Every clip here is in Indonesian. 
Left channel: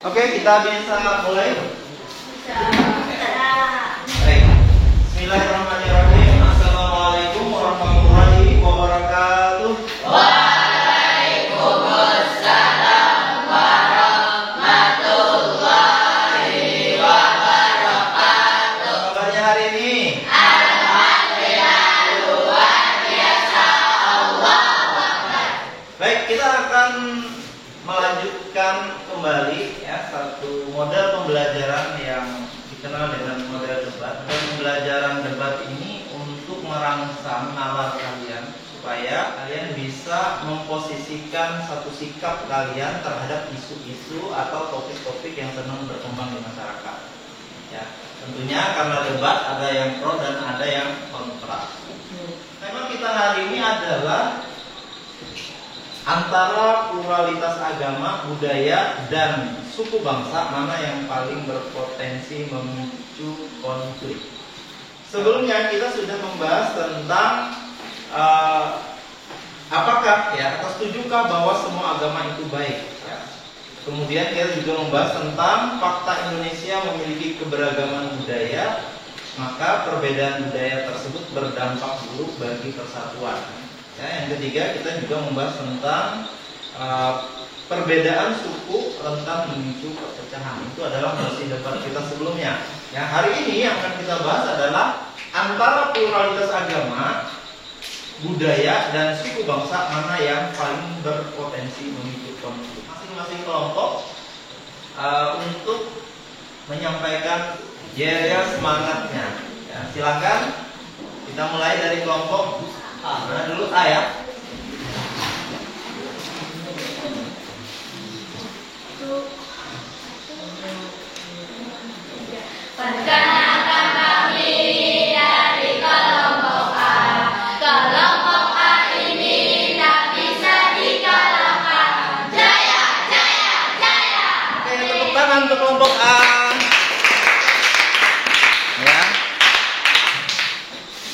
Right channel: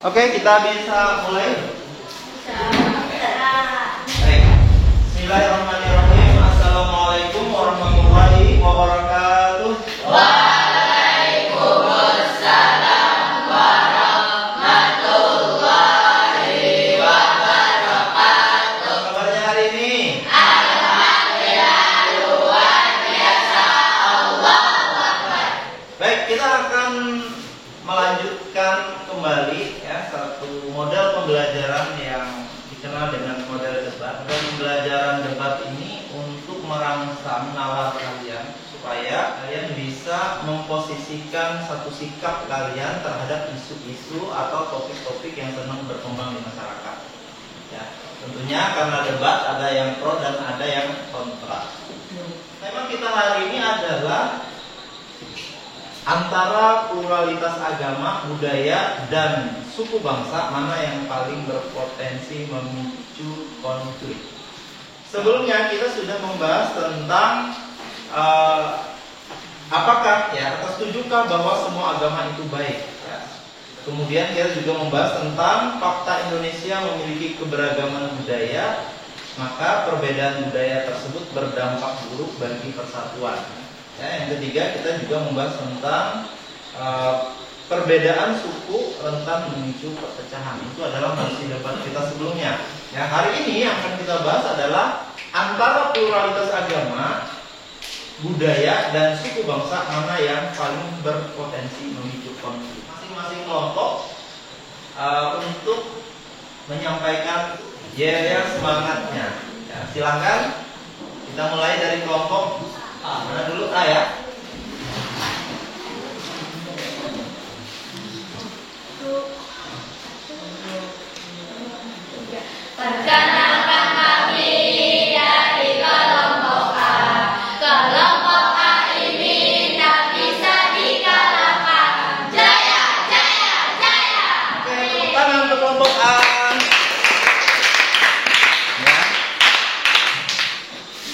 Oke, kita bisa mulai. Bisa. Baik. Bismillahirrahmanirrahim. Assalamualaikum warahmatullahi wabarakatuh. Waalaikumsalam warahmatullahi wabarakatuh. Kabarnya hari ini? Alhamdulillah luar biasa. Allahu Akbar. Baik, kita akan melanjutkan kembali satu model pembelajaran yang dikenal dengan model debat. Dan pembelajaran debat ini untuk merangsang nalar kalian supaya kalian bisa memposisikan satu sikap kalian terhadap isu-isu atau topik-topik yang sedang berkembang di masyarakat. Ya, tentunya karena debat ada yang pro dan ada yang kontra. Tema kita hari ini adalah antara pluralitas agama, budaya, dan suku bangsa, mana yang paling berpotensi memicu konflik. Sebelumnya kita sudah membahas tentang apakah atau setujukah bahwa semua agama itu baik. Kemudian kita juga membahas tentang fakta Indonesia memiliki keberagaman budaya, maka perbedaan budaya tersebut berdampak buruk bagi persatuan. Yang ketiga kita juga membahas tentang perbedaan suku rentan memicu perpecahan. Itu adalah masih debat kita sebelumnya. Hari ini yang akan kita bahas adalah antara pluralitas agama, budaya, dan suku bangsa mana yang paling berpotensi memicu konflik. Masing-masing kelompok untuk menyampaikan semangatnya. Silakan kita mulai dari kelompok mana dulu? Ya. Perkenalkan kami dari kelompok A. Kelompok A ini tak bisa dikalahkan. Jaya, jaya, jaya. Oke, tepuk tangan untuk kelompok A.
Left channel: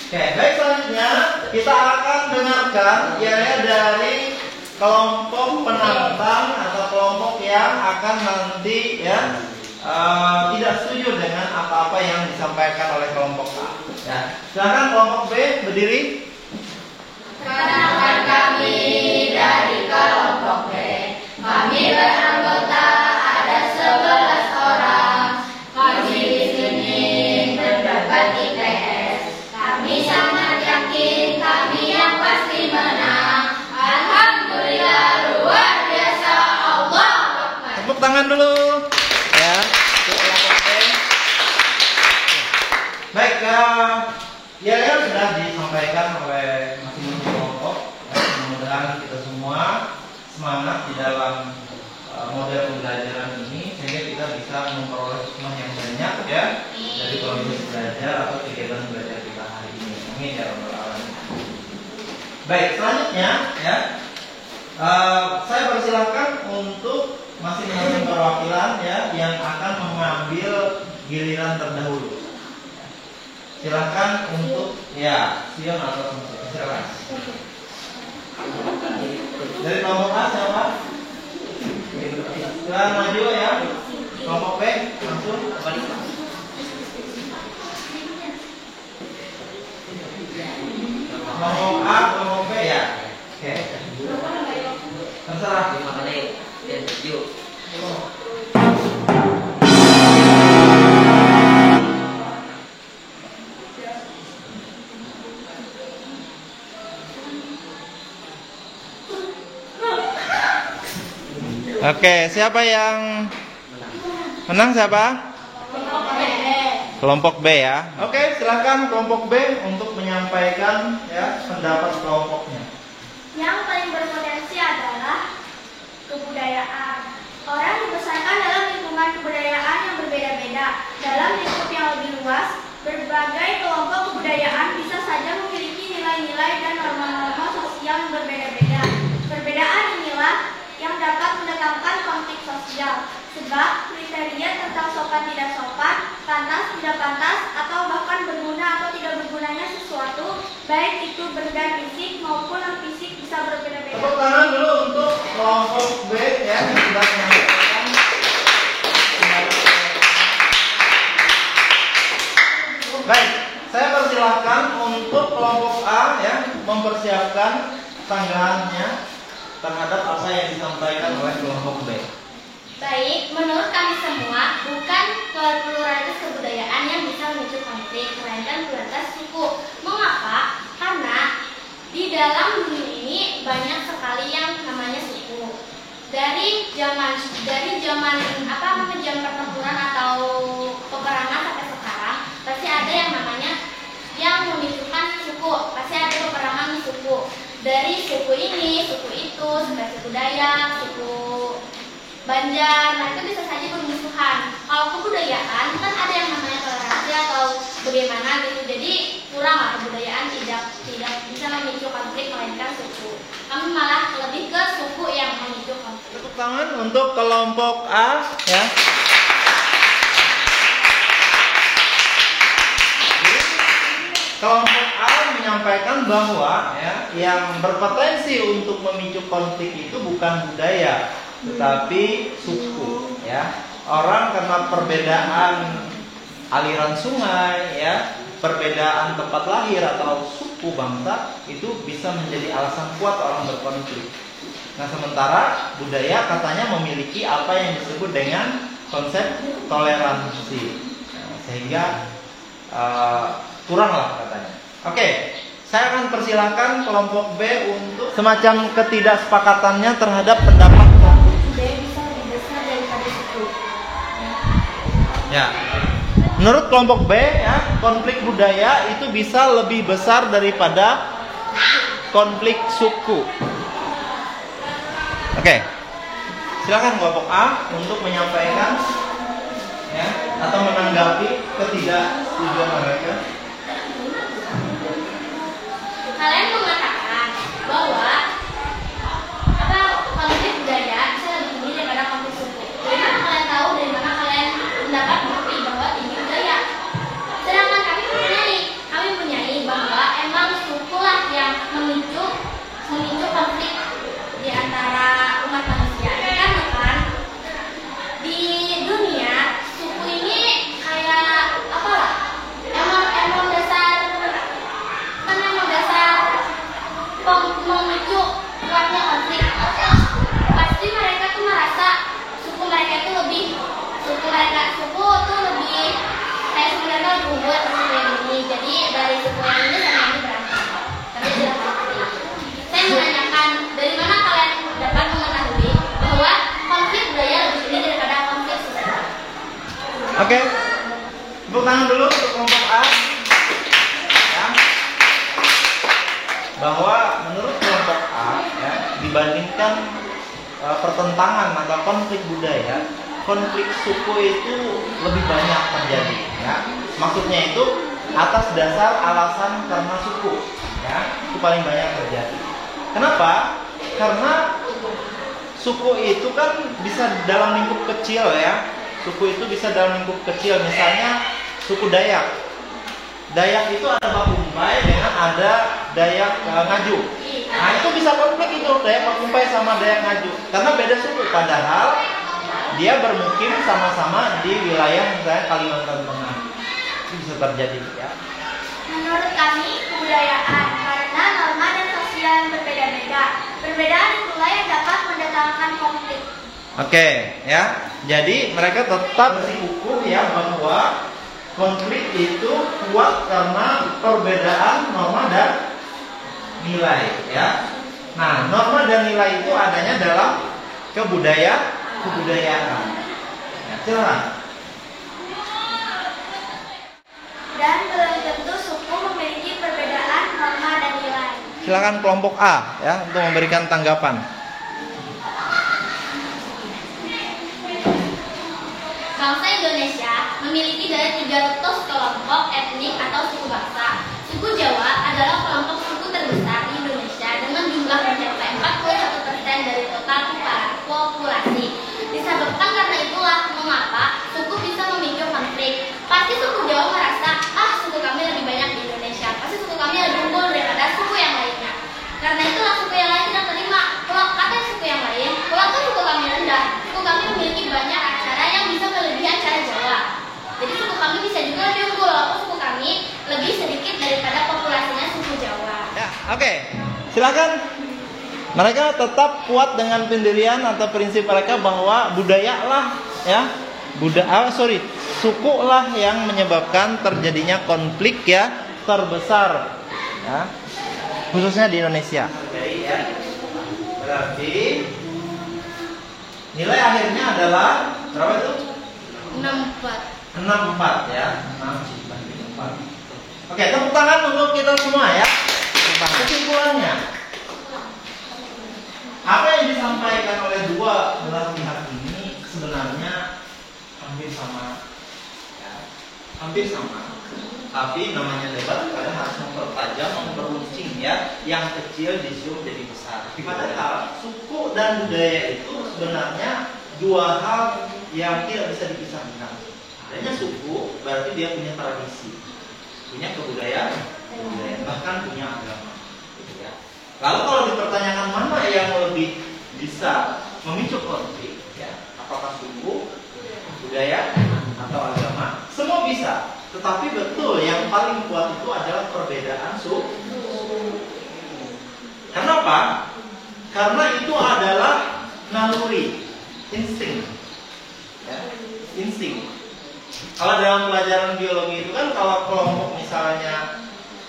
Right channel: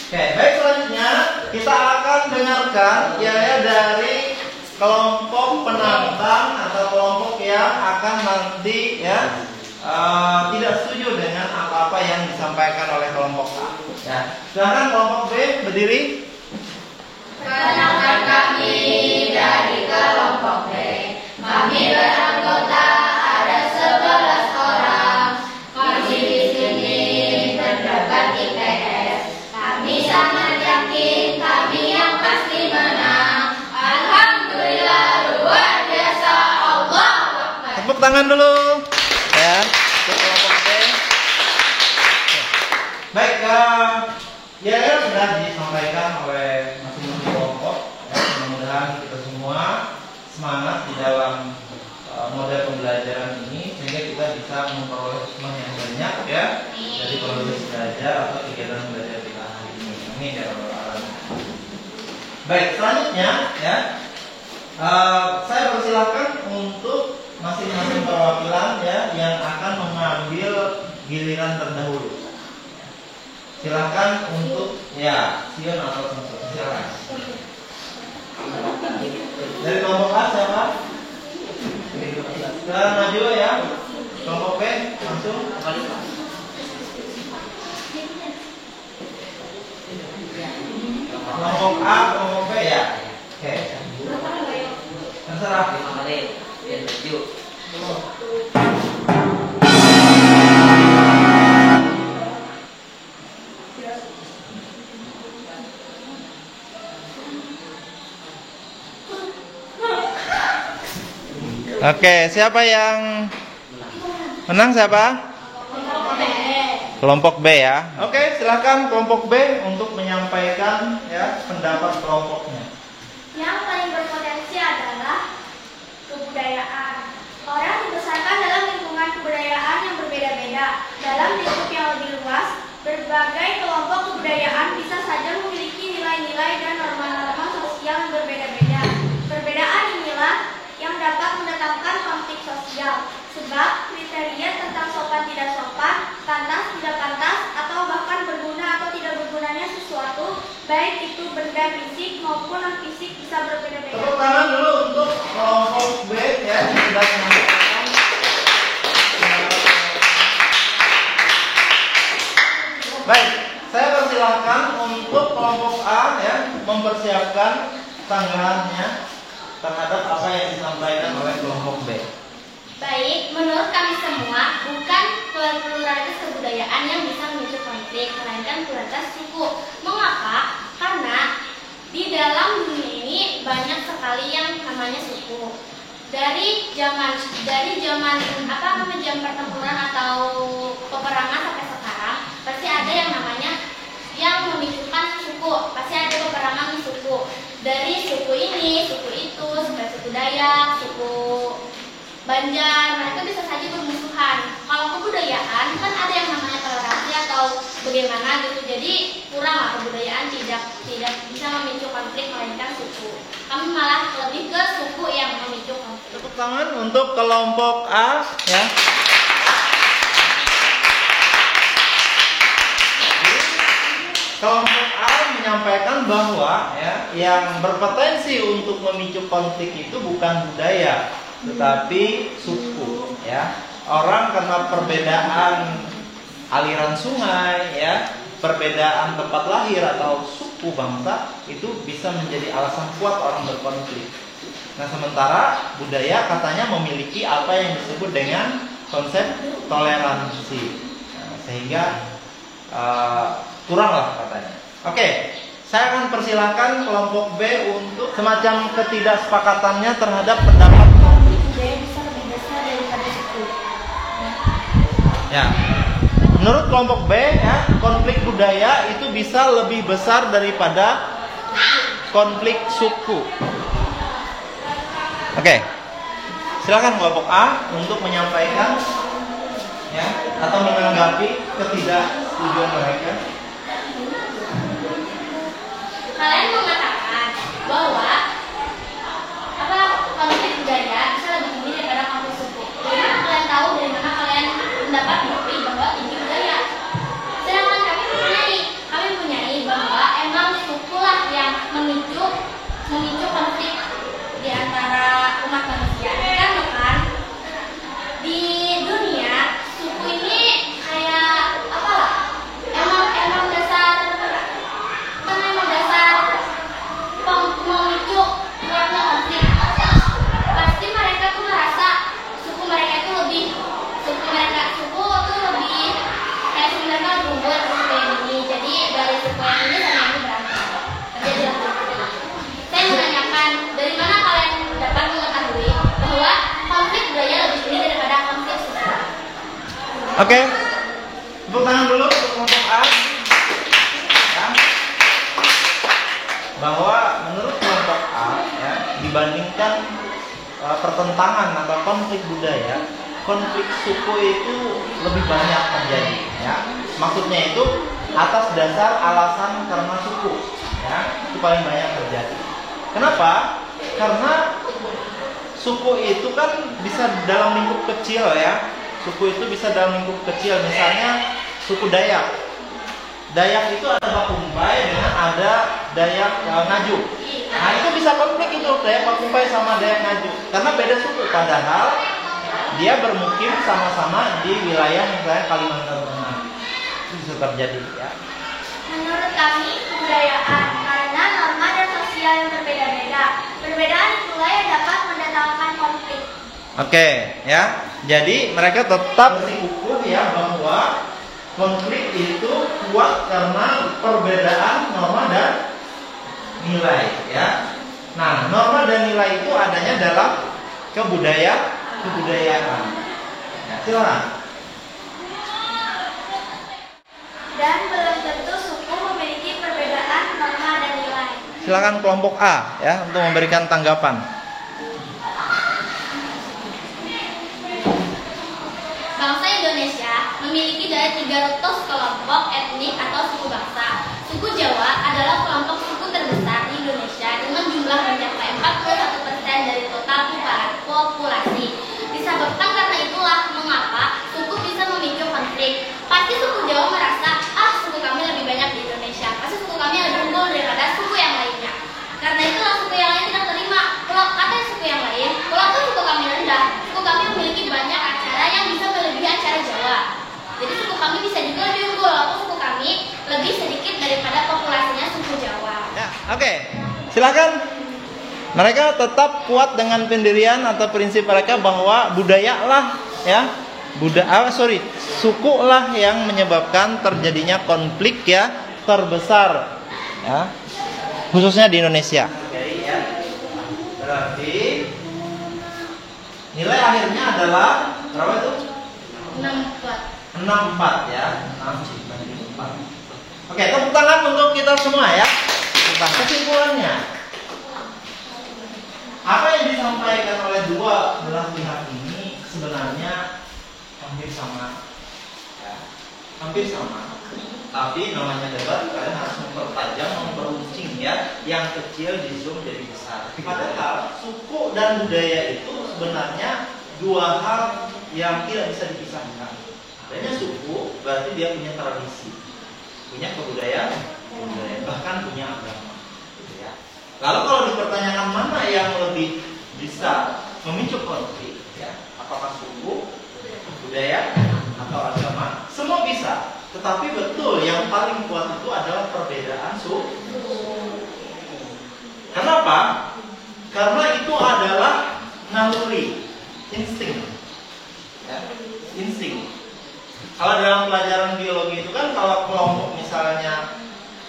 Oke, baik, selanjutnya kita akan dengarkan dari kelompok penantang atau kelompok yang akan nanti tidak setuju dengan apa-apa yang disampaikan oleh kelompok A. Silakan kelompok B berdiri. Perkenalkan kami dari kelompok B. Kami beranggota ada 11 orang. Kami di sini berdebat IPS. Kami sangat yakin kami yang pasti menang. Alhamdulillah luar biasa. Allahu Akbar. Tepuk tangan dulu. Untuk kelompok B. Baik, sudah disampaikan oleh masing-masing kelompok. Mudah-mudahan kita semua semangat di dalam model pembelajaran ini sehingga kita bisa memperoleh hikmah yang banyak dari proses belajar atau kegiatan belajar kita hari ini. Amin ya rabbal alamin. Baik, selanjutnya saya persilakan untuk masing-masing perwakilan yang akan mengambil giliran terdahulu. Silakan untuk Sion atau silakan. Dari kelompok A siapa? Silakan maju Kelompok B langsung. Kelompok A, kelompok B Oke. Terserah. Yuk. Oke, siapa yang menang siapa? Kelompok B Oke, silakan kelompok B untuk menyampaikan pendapat kelompoknya. Yang paling berpotensi adalah kebudayaan. Orang dibesarkan dalam lingkungan kebudayaan yang berbeda-beda. Dalam lingkup yang lebih luas, berbagai kelompok kebudayaan bisa saja memiliki nilai-nilai dan norma-norma sosial yang berbeda-beda. Perbedaan inilah yang dapat mendatangkan konflik sosial. Sebab kriteria tentang sopan tidak sopan, pantas tidak pantas, atau bahkan berguna atau tidak bergunanya sesuatu, baik itu benda fisik maupun non fisik, bisa berbeda-beda. Tepuk tangan dulu untuk kelompok B yang sudah menyampaikan kelompok A ya mempersiapkan tanggapannya terhadap apa yang disampaikan oleh kelompok B. Baik, menurut kami semua, bukan pluralitas kebudayaan yang bisa memicu konflik, melainkan pluralitas suku. Mengapa? Karena di dalam dunia ini banyak sekali yang namanya suku. Dari zaman jam pertempuran atau peperangan sampai sekarang, pasti ada yang namanya yang memicukan suku, pasti ada peperangan suku. Dari suku ini, suku itu, sampai suku Dayak, suku Banjar, mereka bisa saja bermusuhan. Kalau kebudayaan kan ada yang namanya toleransi atau bagaimana gitu. Jadi kuranglah kebudayaan tidak bisa memicu konflik melainkan suku. Kami malah lebih ke suku yang memicu konflik. Tepuk tangan untuk kelompok A ya. Kelompok A menyampaikan bahwa ya, yang berpotensi untuk memicu konflik itu bukan budaya, tetapi suku. Ya, orang karena perbedaan aliran sungai, ya, perbedaan tempat lahir atau suku bangsa itu bisa menjadi alasan kuat orang berkonflik. Nah, sementara budaya katanya memiliki apa yang disebut dengan konsep toleransi, nah, sehingga kuranglah katanya. Oke, saya akan persilahkan kelompok B untuk semacam ketidaksepakatannya terhadap pendapat Budaya bisa lebih besar daripada suku. ya. Menurut kelompok B ya, konflik budaya itu bisa lebih besar daripada konflik suku. Oke. Silakan kelompok A untuk menyampaikan ya atau menanggapi ketidaksetujuan mereka. Kalian mengatakan bahwa konflik budaya bisa lebih tinggi daripada konflik suku. Dari mana kalian tahu? Dari mana kalian mendapat bukti bahwa tinggi budaya? Sedangkan kami mempunyai bahwa emang sukulah yang memicu konflik di antara umat manusia. Kan di dunia suku ini kayak apalah? Emang dasar memicu kuatnya konflik. Pasti mereka tuh merasa suku tuh lebih kayak sebenarnya unggul atau suku yang ini. Jadi dari suku yang ini sama yang ini berantem. Tapi adalah konflik. Saya menanyakan dari mana kalian dapat mengetahui bahwa konflik budaya lebih tinggi daripada konflik suku? Oke. Tepuk tangan dulu untuk kelompok A. Ya. Bahwa menurut kelompok A ya, dibandingkan pertentangan atau konflik budaya, konflik suku itu lebih banyak terjadi ya. Maksudnya itu atas dasar alasan karena suku ya, itu paling banyak terjadi. Kenapa? Karena suku itu kan bisa dalam lingkup kecil ya. Suku itu bisa dalam lingkup kecil, misalnya suku Dayak. Dayak itu ada Pakumpai dengan ada Dayak Ngaju. Nah, itu bisa konflik itu Dayak Pakumpai sama Dayak Ngaju karena beda suku, padahal dia bermukim sama-sama di wilayah misalnya Kalimantan Tengah. Itu bisa terjadi ya. Menurut kami kebudayaan karena norma dan sosial yang berbeda-beda. Perbedaan itulah yang dapat mendatangkan konflik. Oke, ya. Jadi mereka tetap bersikukuh ya bahwa konflik itu kuat karena perbedaan norma dan nilai ya. Nah, norma dan nilai itu adanya dalam kebudayaan. Ya, silakan. Dan belum tentu suku memiliki perbedaan norma dan nilai. Silakan kelompok A ya untuk memberikan tanggapan. Bangsa Indonesia memiliki dari 300 kelompok etnik atau suku bangsa. Suku Jawa adalah kelompok suku terbesar di Indonesia dengan jumlah mencapai 41% dari total populasi. Disebabkan karena itulah mengapa suku bisa memicu konflik. Pasti suku Jawa merasa, suku kami lebih banyak di Indonesia. Pasti suku kami lebih unggul daripada suku yang lainnya. Karena itulah suku yang lain tidak terima. Kalau kata suku yang lain, kalau suku kami rendah, suku kami memiliki banyak acara yang bisa melebihi acara Jawa. Jadi suku kami bisa juga lebih unggul, walaupun suku kami lebih sedikit daripada populasinya suku Jawa. Ya, oke. Silakan. Mereka tetap kuat dengan pendirian atau prinsip mereka bahwa budaya lah, ya, suku lah yang menyebabkan terjadinya konflik ya terbesar, ya, khususnya di Indonesia. Berarti nilai akhirnya adalah berapa itu? 64 ya. Oke, tepuk tangan untuk kita semua ya. Kesimpulannya, apa yang disampaikan oleh dua belah pihak ini sebenarnya hampir sama, ya, hampir sama. Tapi namanya debat, kalian harus mempertajam, memperuncing ya, yang kecil di zoom jadi besar. Padahal suku dan budaya itu sebenarnya dua hal yang tidak bisa dipisahkan. Adanya suku berarti dia punya tradisi, punya kebudayaan, bahkan punya agama. Lalu kalau dipertanyakan mana yang lebih bisa memicu konflik, ya, apakah suku, budaya, atau agama? Semua bisa, tetapi betul yang paling kuat itu adalah perbedaan suku. Kenapa? Karena itu adalah naluri, insting, ya, insting. Kalau dalam pelajaran biologi itu kan kalau kelompok misalnya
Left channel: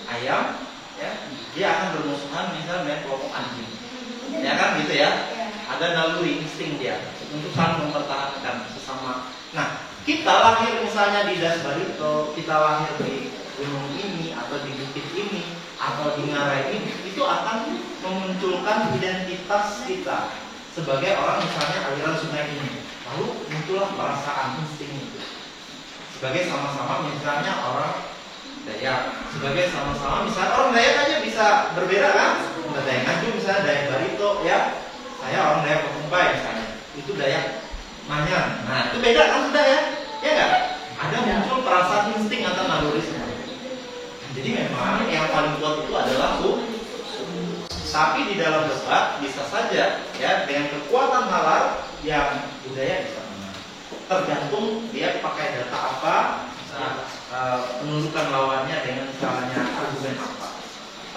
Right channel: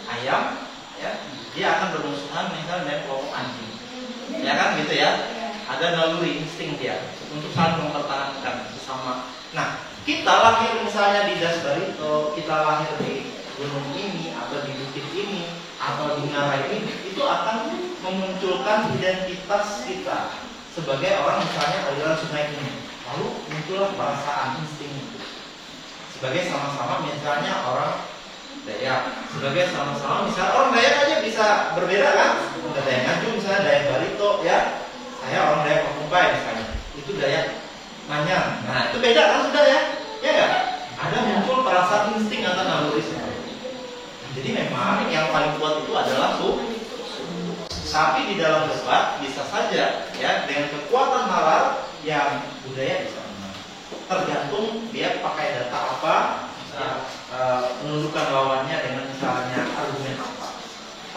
ayam, ya, dia akan bermusuhan misalnya dengan kelompok anjing, ya kan gitu ya. Ada naluri insting dia untuk saling mempertahankan sesama. Nah, kita lahir misalnya di Das Barito, kita lahir di gunung ini atau di bukit ini atau di ngarai ini, itu akan memunculkan identitas kita sebagai orang misalnya aliran sungai ini. Lalu muncullah perasaan insting itu. Sebagai sama-sama misalnya orang Dayak, sebagai sama-sama misalnya orang Dayak aja bisa berbeda kan? Ada Dayak Nganjuk misalnya, Dayak Barito ya. Saya orang Dayak Pemumpai misalnya, itu Dayak Manyar. Nah itu beda kan sudah ya? Ya nggak? Ada muncul perasaan insting atau naluri. Jadi memang yang paling kuat itu adalah suku. Tapi di dalam debat bisa saja ya dengan kekuatan nalar yang budaya bisa menang. Tergantung dia pakai data apa. Menunjukkan lawannya dengan misalnya argumen apa.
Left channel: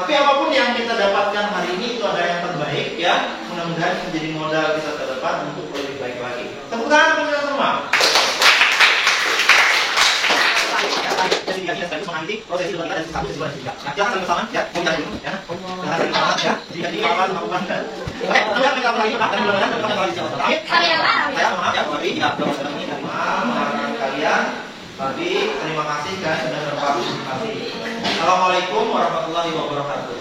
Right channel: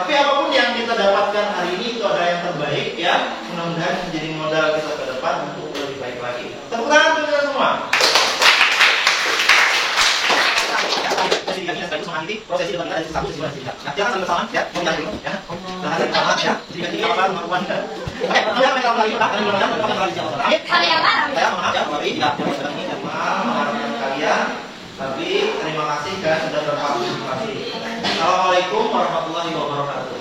Tapi apapun yang kita dapatkan hari ini itu adalah yang terbaik ya. Mudah-mudahan menjadi modal kita ke depan untuk lebih baik lagi. Tepuk tangan untuk kita semua. Jadi kita menghadapi prosesi debat kita dari satu sisi tiga. Nah, jangan sampai salah ya. Mau dulu ya. Jangan sampai salah ya. Jika kita apa melakukan dan yang mereka lagi tak akan mudah-mudahan kita kembali jawab. Saya maaf ya, tapi tidak ini maaf kalian. Tapi terima kasih kan sudah berpartisipasi. Assalamualaikum warahmatullahi wabarakatuh.